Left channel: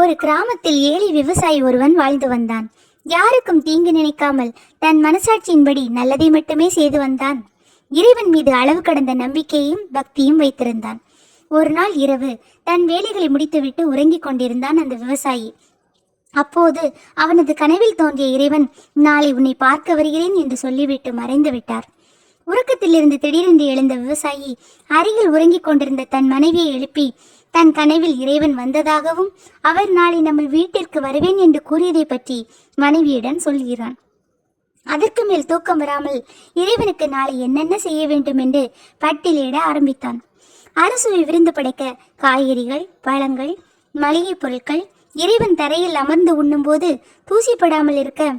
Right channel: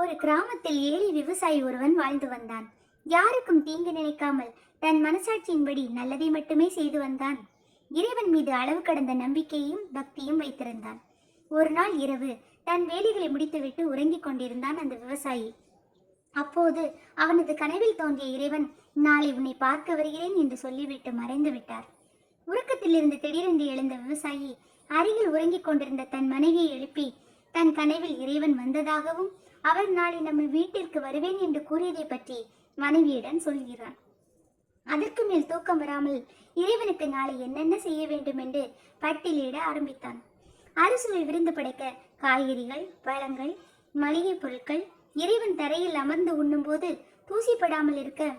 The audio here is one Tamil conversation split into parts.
ஒரு கிராமத்தில் ஏழை விவசாயி ஒருவன் வாழ்ந்து வந்தான். யாருக்கும் தீங்கு நினைக்காமல் தன் மனசாட்சியின்படி நல்லதை மட்டுமே செய்து வந்தான். இறைவன் மீது அளவு கடந்த நம்பிக்கையும் பக்தியும் வைத்திருந்தான். ஒரு நாள் இரவு தன் வேலைகளை முடித்துவிட்டு உறங்கிக் கொண்டிருந்தான் அந்த விவசாயி. அப்போது அவனது கனவில் தோன்றிய இறைவன் நாளை உன்னை பார்க்க வருகிறேன் என்று சொல்லிவிட்டு மறைந்து விட்டார். உறக்கத்திலிருந்து திடீரென்று எழுந்த விவசாயி அருகில் உறங்கிக் கொண்டிருந்த தன் மனைவியை எழுப்பி தன் கனவில் இறைவன் வந்ததாகவும் அவர் நாளை நம்ம வீட்டிற்கு வருவேன் என்று கூறியதை பற்றி மனைவியிடம் சொல்கிறான். அதற்கு மேல் தூக்கம் வராமல் இறைவனுக்கு நாளை என்னென்ன செய்ய வேண்டும் என்று பட்டியலிட ஆரம்பித்தான். அரசுவை விருந்து படைக்க காய்கறிகள் பழங்கள் மளிகைப் பொருட்கள் இறைவன் தரையில் அமர்ந்து உண்ணும்போது தூசிப்படாமல் இருக்க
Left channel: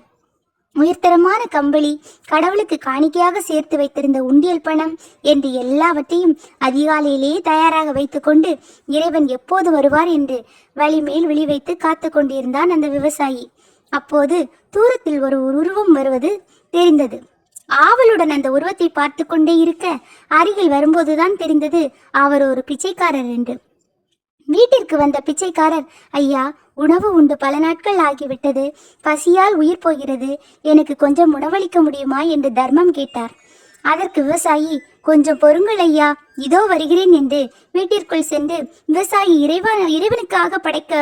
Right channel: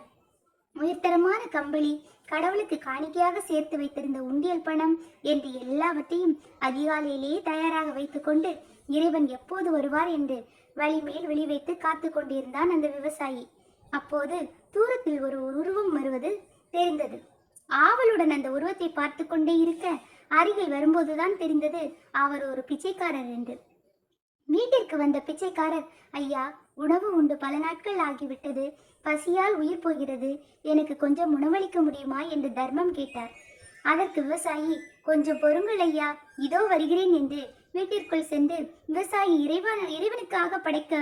உயர்தரமான கம்பளி கடவுளுக்கு காணிக்கையாக சேர்த்து வைத்திருந்த உண்டியல் பணம் என்று எல்லாவற்றையும் அதிகாலையிலேயே தயாராக வைத்துக்கொண்டு இறைவன் எப்போது வருவார் என்று வழிமேல் விழி வைத்து காத்து கொண்டிருந்தான் அந்த விவசாயி. அப்போது தூரத்தில் ஒரு உருவம் வருவது தெரிந்தது. ஆவலுடன் அந்த உருவத்தை பார்த்து கொண்டே இருக்க அருகில் வரும்போதுதான் தெரிந்தது அவர் ஒரு பிச்சைக்காரர் என்று. வீட்டிற்கு வந்த பிச்சைக்காரர் ஐயா உணவு உண்டு பல நாட்கள் ஆகிவிட்டது. பசியால் உயிர் போகிறது. எனக்கு கொஞ்சம் உணவளிக்க முடியுமா? என்று தர்மம் கேட்டார். அதற்கு விவசாயி கொஞ்சம் பொறுங்கள் ஐயா. இதோ வருகிறேன் என்று வீட்டிற்குள் சென்று விவசாயி இறைவன் இறைவனுக்காக படைக்க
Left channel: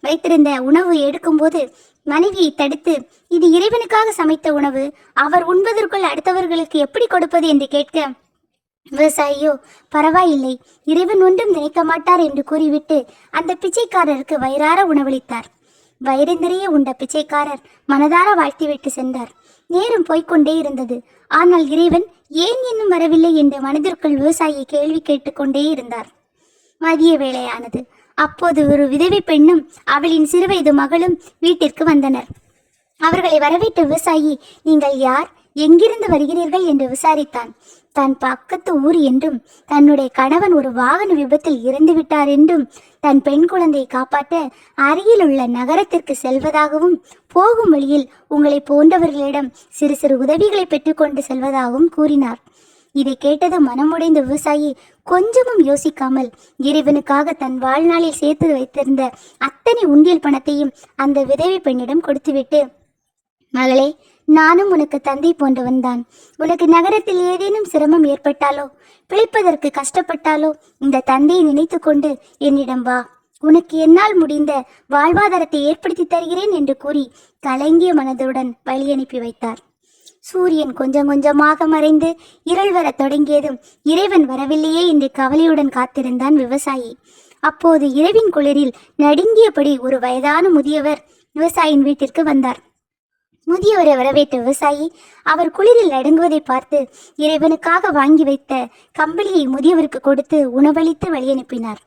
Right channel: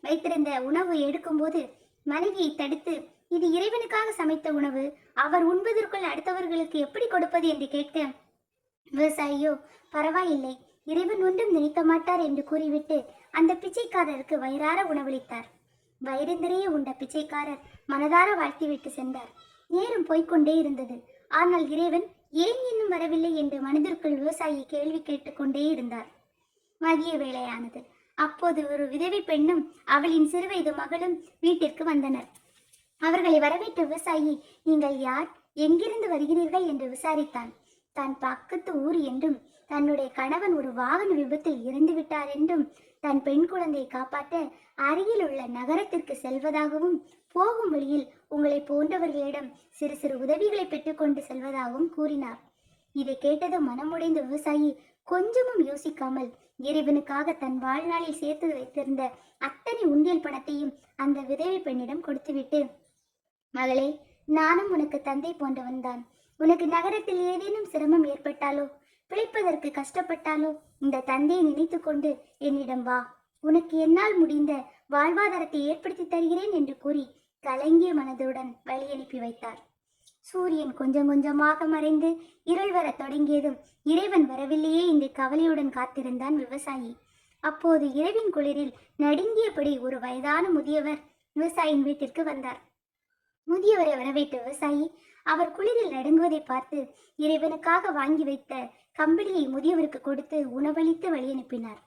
வைத்திருந்த உணவு எடுக்கும்போது மனைவியை தடுத்து இது இறைவனுக்காக சமைத்த உணவு. அவர் உண்பதற்குள் அடுத்தவர்களுக்கு எப்படி கொடுப்பது? என்று கேட்க விவசாயியோ பரவாயில்லை. இறைவன் ஒன்றும் நினைக்க மாட்டார் என்று கூறிவிட்டு அந்த பிச்சைக்காரருக்கு வயிறார உணவளித்தார். வயிறு நிறைய உண்ட பிச்சைக்காரர் மனதார வாழ்த்திவிட்டு சென்றார். நேரம் போய்கொண்டே இருந்தது. ஆனால் இறைவன் ஏன் இன்னும் வரவில்லை என்று மனதிற்குள் விவசாயி கேள்வி கேட்டுக்கொண்டே இருந்தார். மதிய வேளையானது. அப்போது ஒரு விதவை பெண்ணும் அவளின் சிறுவயது மகளும் வீட்டிற்கு வந்தனர். அவர்களை வரவேற்ற விவசாயி நீங்கள் யார்? எங்கிருந்து வருகிறீர்கள்? என்று விசாரித்தான். தன் பக்கத்து ஊர் என்றும் தன்னுடைய கணவன் ஒரு வாகன விபத்தில் இறந்து விட்டார் என்றும் தன் பெண் குழந்தையை காப்பாற்ற அருகில் உள்ள நகரத்திற்கு செல்வதாகவும் போகும் வழியில் உங்களை போன்றவர்களிடம் சிறு சிறு உதவிகளை பெற்றுக்கொண்டு செல்வதாகவும் கூறினார். இதை கேட்டது மனமுடைந்த விவசாயி கொஞ்சமும் யோசிக்காமல் இறைவனுக்காக தன் வாழ்நாளில் சேர்த்து வைத்திருந்த அத்தனை உண்டியல் பணத்தையும் அந்த விதவை பெண்ணிடம் கொடுத்துவிட்டு மகளே நானும் உனக்கு தந்தை போன்றவன் தான். உனக்கு நகரத்தில் ஏதேனும் சிரமம் ஏற்பட்டாலோ பிழைப்பதற்கு கஷ்டப்பட்டாலோ இந்த தந்தையை நினைத்து கொண்டு என்னிடம் வா. உனக்கு என்னால் முடிந்த வாழ்வாதாரத்தை ஏற்படுத்தி தருகிறேன் என்று கூறி கலங்கிய மனதுடன் வழி அனுப்பி வைத்தார். சூரியன் கொஞ்சம் கொஞ்சமாக மறைந்து இருள் வரத் தொடங்கியதும் இறைவன் வரவில்லையே என்று கவலையுடன் காத்திருந்தான் விவசாயி. அப்போது இரவின் குளிரில் நடுங்கியபடி ஒரு வயதான முதியவர் விவசாயியின் வீட்டிற்கு வந்தார். முதியவரை வரவேற்ற விவசாயி அவர் குளிரில் நடுங்குவதை பார்த்து இறைவனுக்காக வாங்கி வைத்த கம்பளியை முதியவருக்கு கொடுத்து உணவளித்து வழியனுப்பினார்.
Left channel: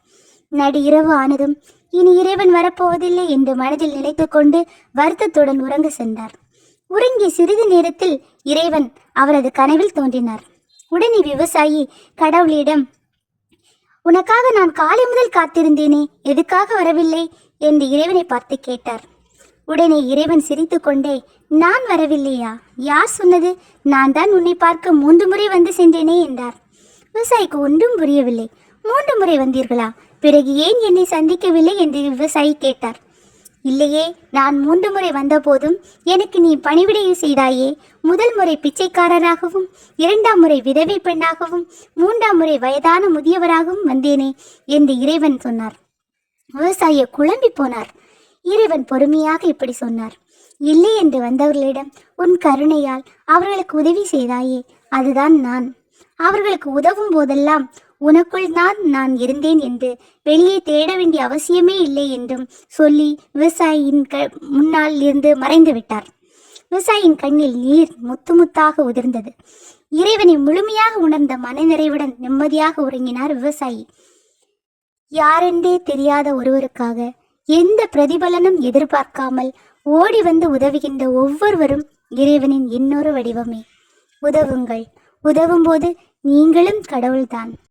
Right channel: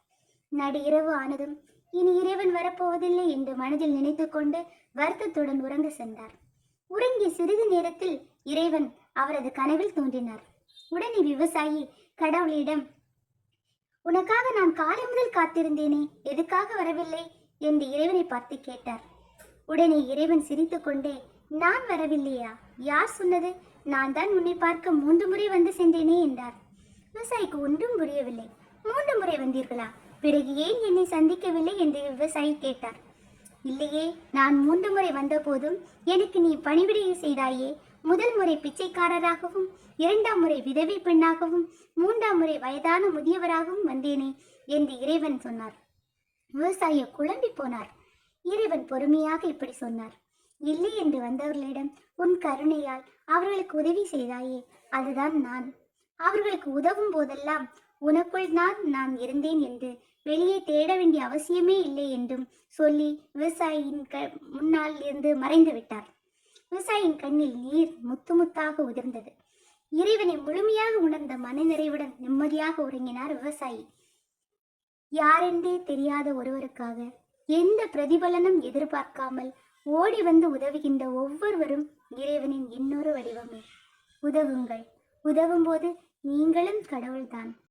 நடு இரவு ஆனதும் இனி இறைவன் வரப்போவதில்லை என்று மனதில் நினைத்துக்கொண்டு வருத்தத்துடன் உறங்க சென்றார். உறங்கிய சிறிது நேரத்தில் இறைவன் அவரது கனவில் தோன்றினார். உடனே விவசாயி கடவுளிடம் உனக்காக நான் காலை முதல் காத்திருந்தேனே எதுக்காக வரவில்லை? என்று இறைவனை பார்த்து கேட்டார். உடனே இறைவன் சிரித்துக்கொண்டே நான் வரவில்லையா? யார் சொன்னது? நான் தான் உன்னை பார்க்க மூன்று முறை வந்து சென்றேனே என்றார். விவசாயிக்கு ஒன்றும் புரியவில்லை. மூன்று முறை வந்தீர்களா? பிறகு ஏன் என்னை சந்திக்கவில்லை? என்று விவசாயி கேட்டார். இல்லையே நான் மூன்று முறை வந்தபோதும் எனக்கு நீ பணிவிடையை செய்தாயே முதல் முறை பிச்சைக்காரராகவும் இரண்டாம் முறை விதவை பெண்ணாகவும் மூன்றாம் முறை வயதான முதியவராகவும் வந்தேனே என்று இறைவன் சொன்னார். விவசாயி குழம்பி போனார். இறைவன் பொறுமையாக இப்படி சொன்னார். இல்லை என்று வந்தவர்களிடம் உன் கருணையால் அவர்களுக்கு உதவி செய்தாயே அதுதான் நான். அவர்களுக்கு உதவும் போதெல்லாம் உனக்குள் தான் நான் இருந்தேன் என்று வெளியே தேட வேண்டிய அவசியமே இல்லை என்றும் சொல்லி விவசாயியின் க முன்னால் இருந்து மறைந்து விட்டார். விவசாயியின் கண்ணில் நீர் முத்து முத்தாக உதிர்ந்தது. இறைவனை முழுமையாக உணர்ந்த மனநிறைவுடன் நிம்மதியாக உறங்கினார் விவசாயி. யாரென்றே தெரியாத ஒருவருக்காக எந்த பிரதிபலனும் எதிர்பார்க்காமல் ஓடி வந்து உதவுகின்ற ஒவ்வொருவரும் இறைவனின் இன்னொரு வடிவமே. உதவுங்கள். உதவும்போது நீங்களும் கடவுள்தான்.